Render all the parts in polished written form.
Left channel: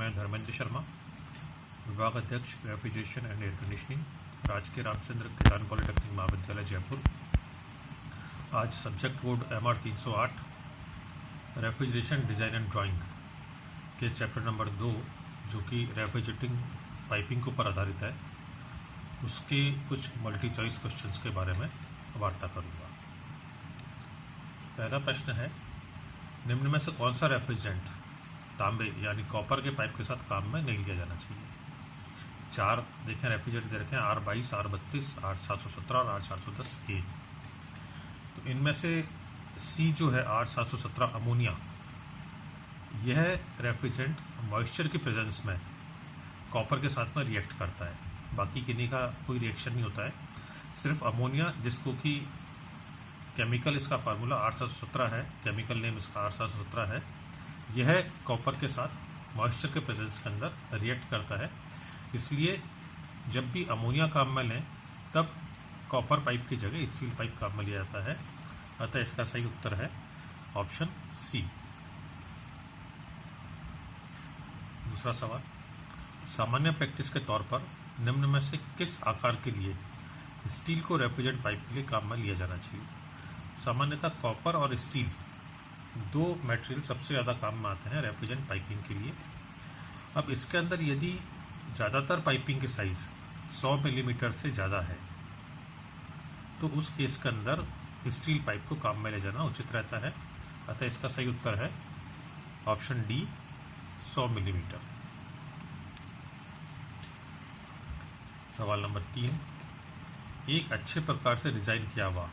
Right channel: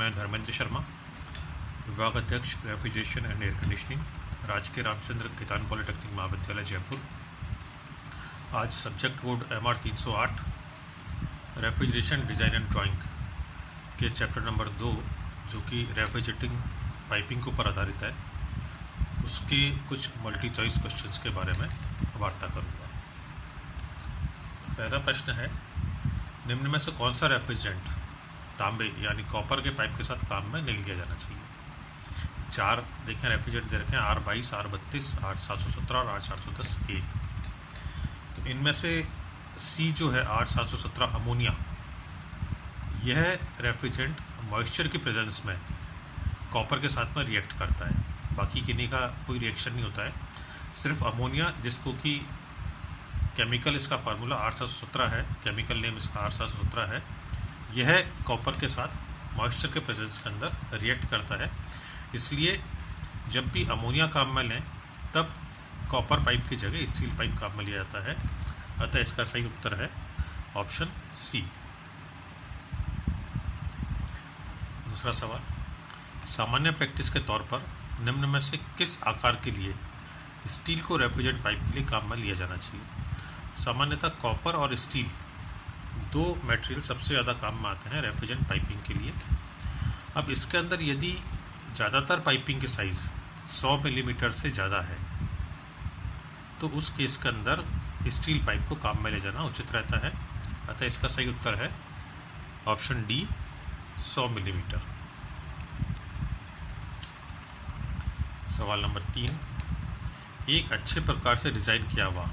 मैं धर्मेंद्र शर्मा, विभाग अध्यक्ष रेफ्रिजरेशन एंड एयर कंडीशनिंग, राजकीय रामचंद्र किसान पॉलिटेक्निक महाविद्यालय जयपुर। आज subject code MR 308 refrigeration design and drawing के चैप्टर नंबर 2 जो कि रेफ्रिजरेटिंग पाइपिंग के ऊपर आधारित है, उसके कुछ मल्टी चॉइस क्वेश्चंस के बारे में वार्ता करूँगा। पहला प्रश्न है, निम्न में से कौन सा रेफ्रिजरेंट तांबे यानी कॉपर के पाइप के साथ काम में नहीं लिया जाना चाहिए? 4 देखें रेफ्रिजरेंट दे रखे हैं, R22, R32, R717 और R410A। तो इनमें से C जो है R717 अमोनिया, यह रेफ्रिजरेंट मॉइस्चर की प्रेजेंस में कॉपर के साथ में रिएक्ट करता है। बाकी किन्हीं का कोई रिएक्शन नहीं होता है, सिर्फ अमोनिया, जिसको कि केमिकल इसका फार्मूला R717 है, केमिकल नेम इसका R717 है, यह कॉपर के साथ मॉइस्चर के प्रेजेंस के अंदर रिएक्ट करता है। इसलिए जब भी अमोनिया काम में लें तब कॉपर पाइप की जगह स्टील पाइप काम में लिया जाता है। अतः इसका सही उत्तर है ऑप्शन सी। दूसरा सवाल, सामान्य प्रैक्टिस के तौर पर निम्न में से किस आकार के लिए स्टील को रेफ्रिजरेंट पाइप के लिए काम में लिया जाना चाहिए? सामान्यतः कॉपर और स्टील दो मटेरियल सबसे ज़्यादा काम में आते हैं रेफ्रिजरेंट पाइपिंग के लिए। अब इसके अंदर यदि ज़्यादातर पाइपिंग की साइज़ 100 मिलीमीटर से ज़्यादा है तो उस केस के अंदर स्टील पाइप को काम में ले जाना उचित रहता है। अतः इसका सही उत्तर है ऑप्शन डी, 100 मिलीमीटर। सवाल नंबर 3, एक अच्छे प्रकार से डिज़ाइन किया हुआ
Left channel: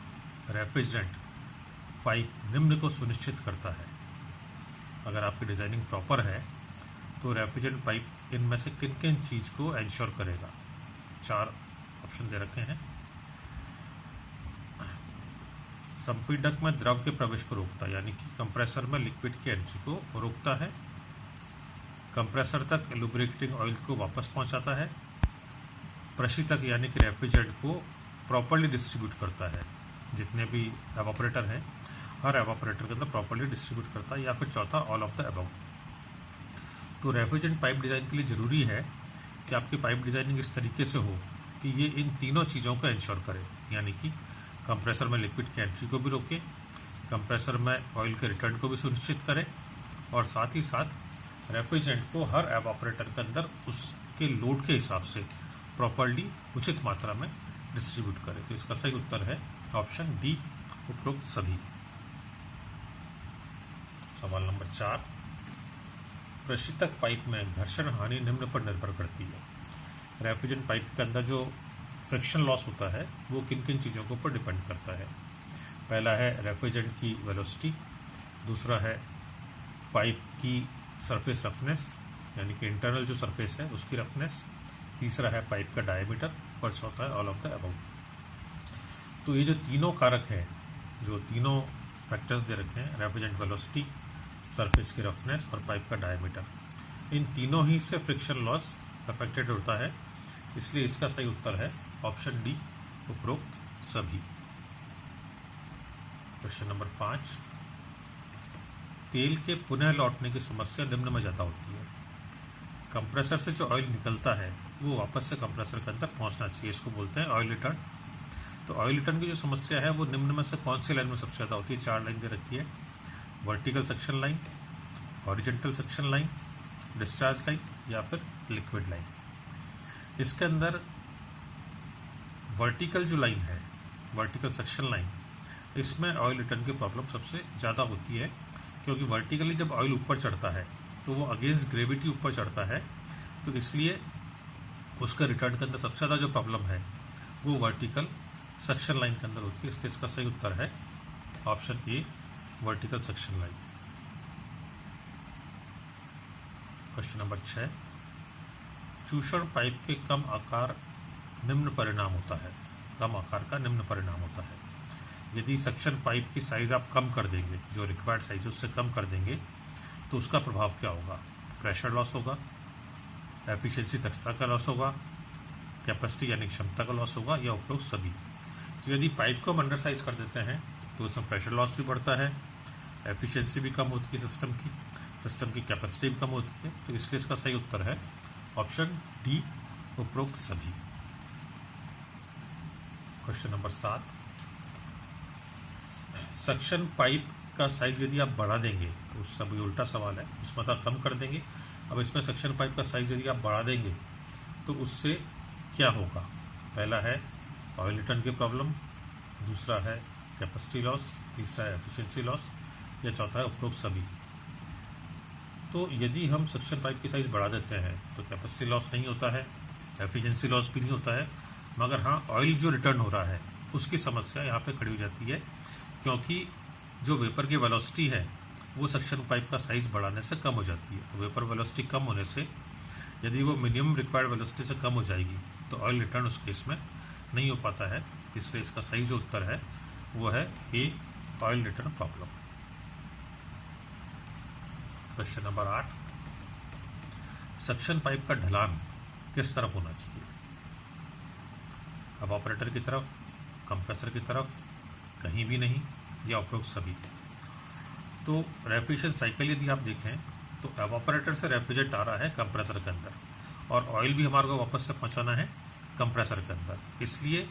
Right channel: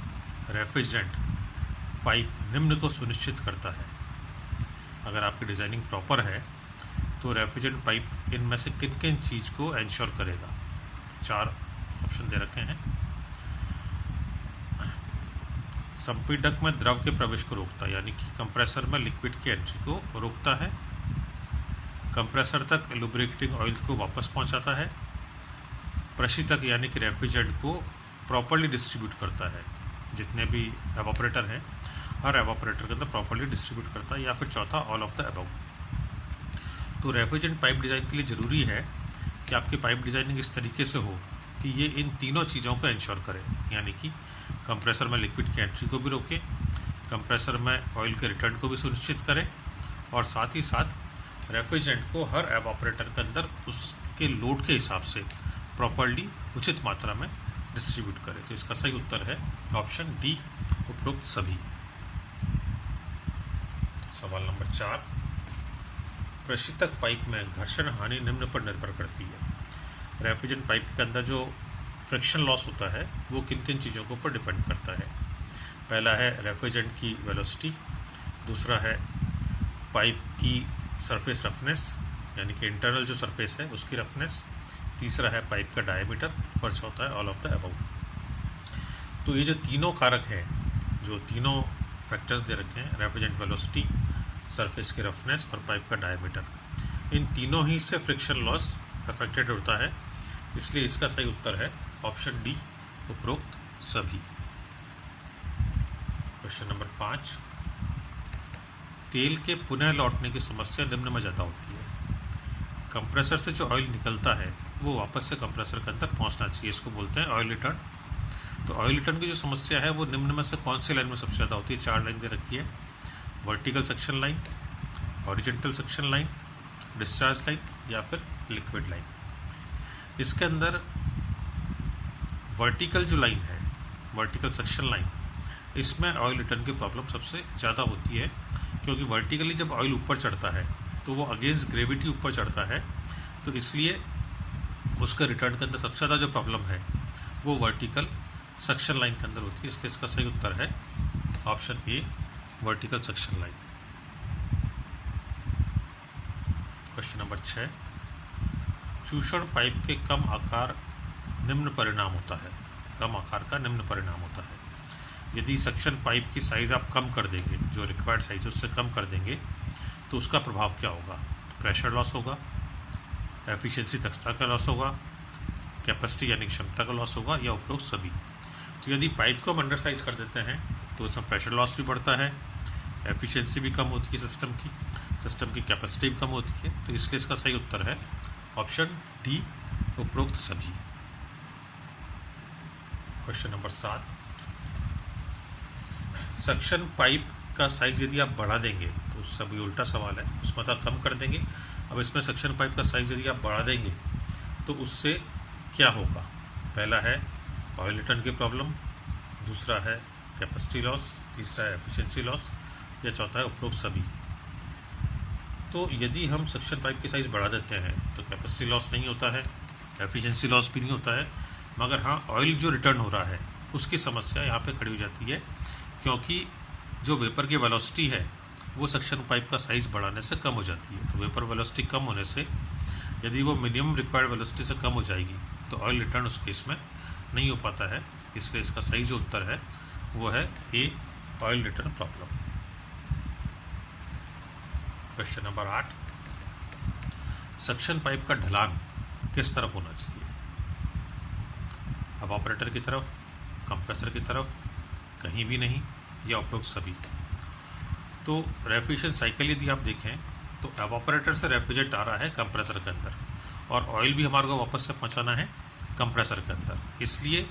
रेफ्रिजरेंट पाइप निम्न को सुनिश्चित करता है। अगर आपकी डिज़ाइनिंग प्रॉपर है तो रेफ्रिजरेंट पाइप इनमें से किन किन चीज़ को एंश्योर करेगा? 4 ऑप्शन दे रखे हैं। संपीड़क में द्रव के प्रवेश को रोकता है, यानी कि कंप्रेसर में लिक्विड की एंट्री को रोकता है। कंप्रेसर तक लुब्रिकेटिंग ऑयल को वापस पहुंचाता है। प्रशीतक यानी कि रेफ्रिजरेंट को प्रॉपर्ली डिस्ट्रीब्यूट करता है, जितने भी एवापोरेटर हैं हर एवापोरेटर के अंदर प्रॉपर्ली डिस्ट्रीब्यूट करता है। या फिर चौथा, ऑल ऑफ द अबव। तो रेफ्रिजरेंट पाइप डिज़ाइन के लिए ज़रूरी है कि आपकी पाइप डिज़ाइनिंग इस तरीके से हो कि ये इन तीनों चीज़ों को इंश्योर करे, यानी कि कंप्रेसर में लिक्विड की एंट्री को भी रोके, कंप्रेसर में ऑयल के रिटर्न को भी सुनिश्चित करे, और साथ ही साथ रेफ्रिजरेंट को हर एवापोरेटर के अंदर उसके लोड के हिसाब से प्रॉपर्ली उचित मात्रा में डिस्ट्रीब्यूट करे। तो इसका सही उत्तर है ऑप्शन डी, उपरोक्त सभी। सवाल नंबर 4, प्रशीतक पाइप में घर्षण हानि निम्न पर निर्भर करती है। रेफ्रिजरेंट पाइप के अंदर जो फ्रिक्शन लॉस होता है वो किन किन चीज़ों के ऊपर डिपेंड करता है? पहला है रेफ्रिजरेंट की वेलोसिटी, दूसरा है पाइप की सरफेस रफनेस, यानी कि इंटरनल जो सरफेस है उसकी रफनेस, तीसरा है पाइप का डायमीटर, और चौथा है ऑल ऑफ द अबव। तो ये जो तीनों कारक हैं, जो तीनों फैक्टर्स दे रखे हैं, रेफ्रिजरेंट वेलोसिटी, सरफेस की रफनेस और पाइप का डायमीटर, इन तीनों ही से फ्रिक्शन लॉस अफेक्टेड होता है। इसलिए इसका सही उत्तर है ऑप्शन डी, उपरोक्त सभी। क्वेश्चन नंबर 5, तेल के पुनः लौटने की समस्या निम्न में ज़्यादा होती है। कंप्रेसर से जो ऑयल निकलता है वो वापस से कंप्रेसर के अंदर पहुंचना चाहिए, इसको बोलते हैं ऑयल रिटर्न। तो ऑयल रिटर्न की जो समस्या है वो निम्न में से कौन सी लाइन में सबसे ज़्यादा होती है? 4 लाइन दे रखी है, vertical suction line, horizontal suction line, discharge line या फिर लिक्विड लाइन। इसके अंदर वर्टिकल जो लाइन है, वर्टिकल सक्शन लाइन, इसमें ऑयल रिटर्न की प्रॉब्लम सबसे ज़्यादा होती है, क्योंकि वर्टिकली जब ऑयल ऊपर चढ़ता है तो वो अगेंस्ट ग्रेविटी ऊपर चढ़ता है, तो इसलिए उसका रिटर्न के अंदर सबसे ज़्यादा जो प्रॉब्लम है वो वर्टिकल सक्शन लाइन के अंदर होती है। इसलिए इसका सही उत्तर है option A, vertical suction line. Question number 6, चूषण पाइप के कम आकार निम्न परिणाम होता है। कम आकार का निम्न परिणाम होता है। यदि सक्शन पाइप की साइज़ आप कम कर देंगे, जो रिक्वायर्ड साइज उससे कम कर देंगे, तो उसका प्रभाव क्या होगा? प्रेशर लॉस होगा, एफिशिएंसी दक्षता का लॉस होगा, कैपेसिटी यानी क्षमता का लॉस होगा, या उपरोक्त सभी। तो यदि पाइप को हम अंडर साइज कर देते हैं तो उसमें प्रेशर लॉस भी बढ़ता है, एफिशिएंसी भी कम होती है सिस्टम की कैपेसिटी भी कम होती है। तो इसलिए इसका सही उत्तर है ऑप्शन डी, उपरोक्त सभी। क्वेश्चन नंबर 7, सक्शन पाइप का साइज यदि आप बढ़ा देंगे, तो सभी उल्टा सवाल है, उसमें तो कम कर देंगे। अब इसमें सक्शन पाइप का साइज यदि आप बढ़ा देंगे तो उससे क्या होगा? पहला है ऑयल रिटर्न की प्रॉब्लम, दूसरा है कैपेसिटी लॉस, तीसरा है एफिशिएंसी लॉस, या चौथा है उपरोक्त सभी। तो यदि हम सक्शन पाइप की साइज़ बढ़ा देते हैं तो कैपेसिटी लॉस नहीं होता है, एफिशिएंसी लॉस भी नहीं होता है, मगर हाँ ऑयल जो रिटर्न हो रहा है उसकी समस्या यहाँ पे खड़ी हो जाती है, क्योंकि जो वेपर की वेलोसिटी है वो सक्शन पाइप का साइज़ बढ़ाने से कम हो जाती है। तो वेपर वेलोसिटी कम होने से यदि वो मिनिमम रिक्वायर्ड वेलोसिटी से कम हो जाएगी तो ऑयल रिटर्न उस केस में नहीं हो पाता है। इसलिए इसका सही जो उत्तर है वो है A, oil return problem. Question number 8, suction pipe का ढलान किस तरफ होना चाहिए? अब ऑपरेटर की तरफ, कंप्रेसर की तरफ, कहीं भी नहीं, या उपरोक्त सभी। तो रेफ्रिजरेशन साइकिल यदि आप देखें तो एवापोरेटर से रेफ्रिजरेंट आ रहा है कंप्रेसर के अंदर, और ऑयल भी हमारे को वापस से पहुंचाना है कंप्रेसर के अंदर। इसलिए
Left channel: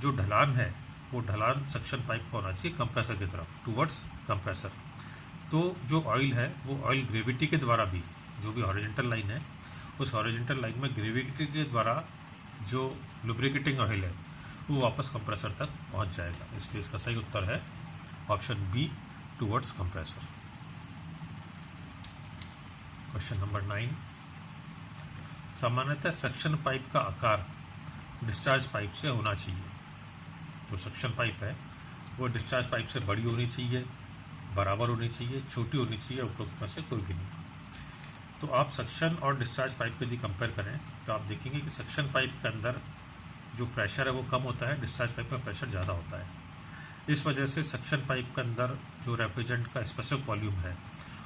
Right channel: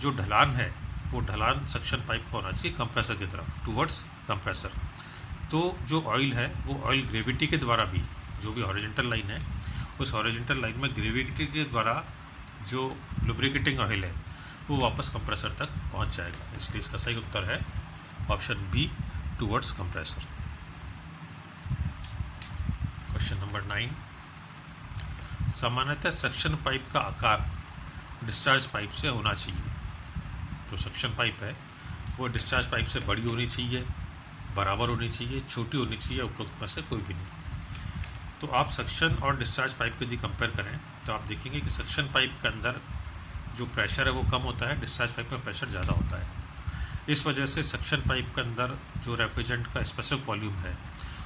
जो ढलान है वो ढलान सक्शन पाइप का होना चाहिए कंप्रेसर की तरफ, टूवर्ड्स कंप्रेसर। तो जो ऑयल है वो ऑयल ग्रेविटी के द्वारा भी, जो भी हॉरिजॉन्टल लाइन है उस हॉरिजॉन्टल लाइन में ग्रेविटी के द्वारा जो लुब्रिकेटिंग ऑयल है वो वापस कंप्रेसर तक पहुंच जाएगा। इसलिए इसका सही उत्तर है option B, towards compressor. Question number 9, सामान्यतः सक्शन पाइप का आकार डिस्चार्ज पाइप से होना चाहिए। जो सक्शन पाइप है वो डिस्चार्ज पाइप से बड़ी होनी चाहिए, बराबर होनी चाहिए, छोटी होनी चाहिए, उपरोक्त में से कोई भी नहीं। तो आप सक्शन और डिस्चार्ज पाइप को यदि कंपेयर करें तो आप देखेंगे कि सक्शन पाइप के अंदर जो प्रेशर है वो कम होता है, डिस्चार्ज पाइप में प्रेशर ज़्यादा होता है। इस वजह से सक्शन पाइप के अंदर जो रेफ्रिजरेंट का स्पेसिफिक वॉल्यूम है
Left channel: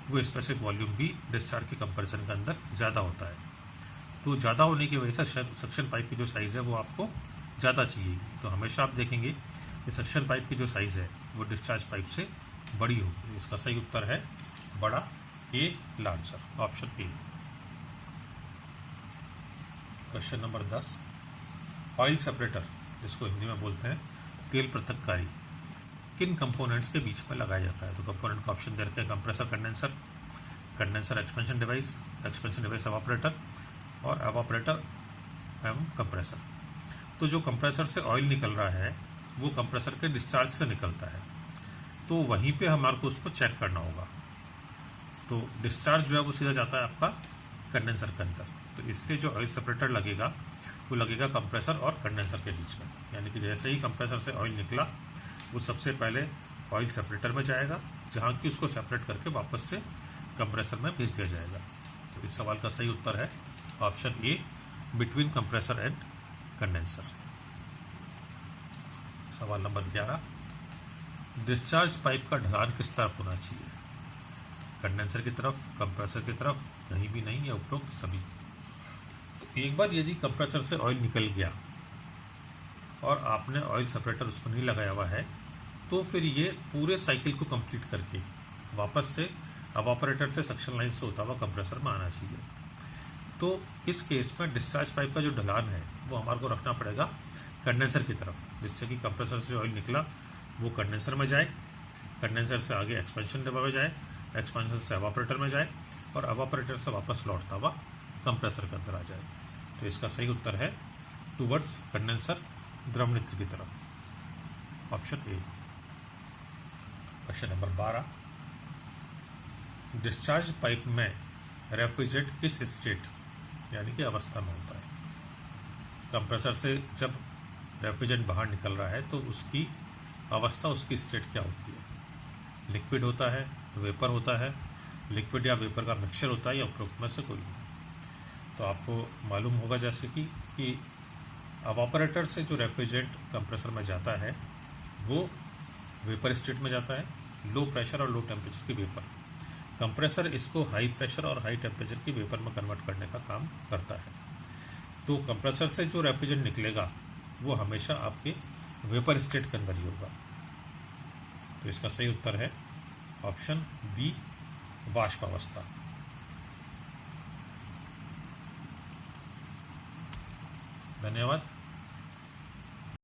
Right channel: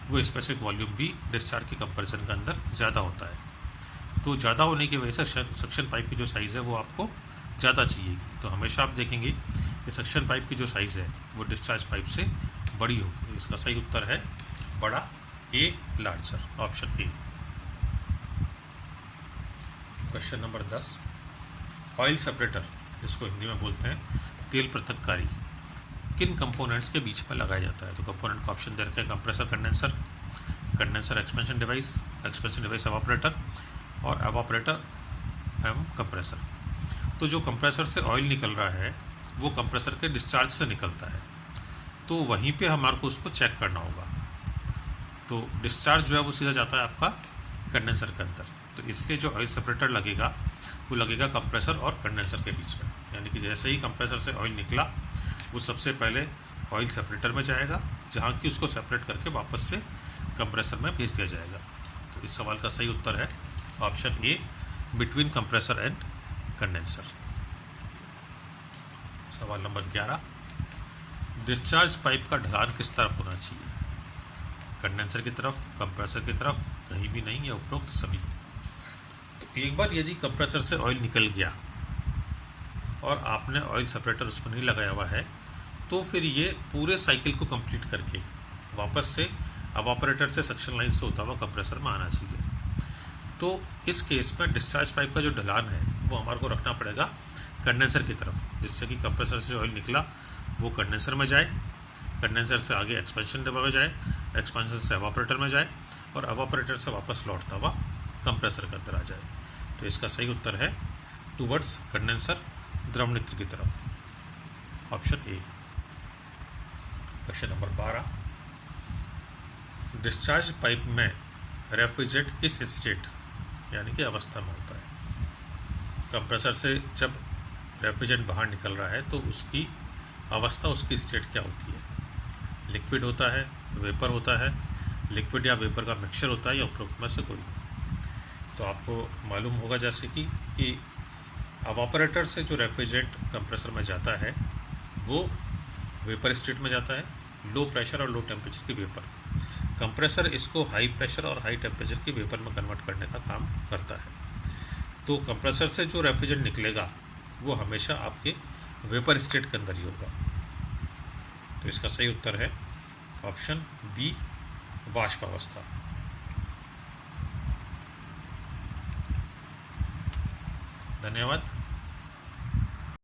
वो स्पेसिफिक वॉल्यूम भी डिस्चार्ज के कंपैरिजन के अंदर ज़्यादा होता है। तो ज़्यादा होने की वजह से सक्शन पाइप की जो साइज़ है वो आपको ज़्यादा चाहिएगी। तो हमेशा आप देखेंगे कि सक्शन पाइप की जो साइज़ है वो डिस्चार्ज पाइप से बड़ी होगी। इसका सही उत्तर है बड़ा, A, larger, option A. Question number 10, oil separator, जिसको हिंदी में बोलते हैं तेल पृथककारी, किन कंपोनेंट्स के बीच में लगाया जाता है? तो कंपोनेंट का ऑप्शन दे रखे हैं compressor, condenser, condenser expansion device evaporator, और एवापोरेटर एवं कंप्रेसर। तो जो कंप्रेसर से ऑयल निकल रहा है वो कंप्रेसर के डिस्चार्ज से निकलता है, तो वहीं पे हमारे को उसको चेक करना होगा। तो डिस्चार्ज जो है वो सीधा जाता है आपका कंडेंसर के अंदर। तो इसके जो ऑयल सेपरेटर लगेगा वो लगेगा कंप्रेसर और कंडेंसर के बीच में। यानी कि जैसे ही कंप्रेसर से ऑयल निकला वो सबसे पहले ऑयल सेपरेटर में जाएगा, जहाँ की उसको सेपरेट करके वापस से कंप्रेसर में भेज दिया जाएगा। तो इस सवाल का सही उत्तर है option A, between compressor and condenser. सवाल नंबर 11, डिस्चार्ज पाइप का ढलान किस तरफ होना चाहिए? कंडेंसर की तरफ, कंप्रेसर की तरफ, कहीं भी नहीं, या उपरोक्त सभी। तो एक बार यदि कंप्रेसर से ऑयल निकल गया और आपने ऑयल सेपरेटर उसको नहीं लगाया हुआ है तो फिर ये पूरे साइकिल को कंप्लीट करके वापस से एवापोरेटर से सक्शन लाइन से होता हुआ कंप्रेसर में आना चाहिए। तो इस केस में डिस्चार्ज पाइप का जो ढलान है वो हमारे को रखना पड़ेगा कंडेंसर की तरफ, जिससे कि कंप्रेसर से जो ऑयल निकला वो कंडेंसर में जाए, कंडेंसर से आगे एक्सपेंशन डिब्बा में जाए, एक्सपेंशन से एवापोरेटर में जाए, और एवापोरेटर से वापस लौटता हुआ कंप्रेसर के अंदर आ जाए। तो इसका सही उत्तर है टूवर्ड्स कंडेंसर, द्रवनित्र की तरफ, option A. Question number 12, discharge pipe में रेफ्रिजरेंट किस स्टेट यानी कि अवस्था में होता है? कंप्रेसर से जब रेफ्रिजरेंट बाहर निकल रहा है तो उसकी अवस्था, उसकी स्टेट क्या होती है? लिक्विड होता है, वेपर होता है, लिक्विड या वेपर का मिक्सचर होता है, या उपरोक्त में से कोई नहीं। तो आपको मालूम होगा जैसे कि एवापोरेटर से जो रेफ्रिजरेंट कंप्रेसर में जाता है वो वेपर स्टेट में जाता है, लो प्रेशर और लो टेम्परेचर की वेपर। कंप्रेसर इसको हाई प्रेशर और हाई टेम्परेचर की वेपर में कन्वर्ट करने का काम करता है। तो कंप्रेसर से जो रेफ्रिजरेंट निकलेगा वो हमेशा आपके वेपर स्टेट के अंदर ही होगा। तो इसका सही उत्तर है ऑप्शन बी वाष्प अवस्था। धन्यवाद।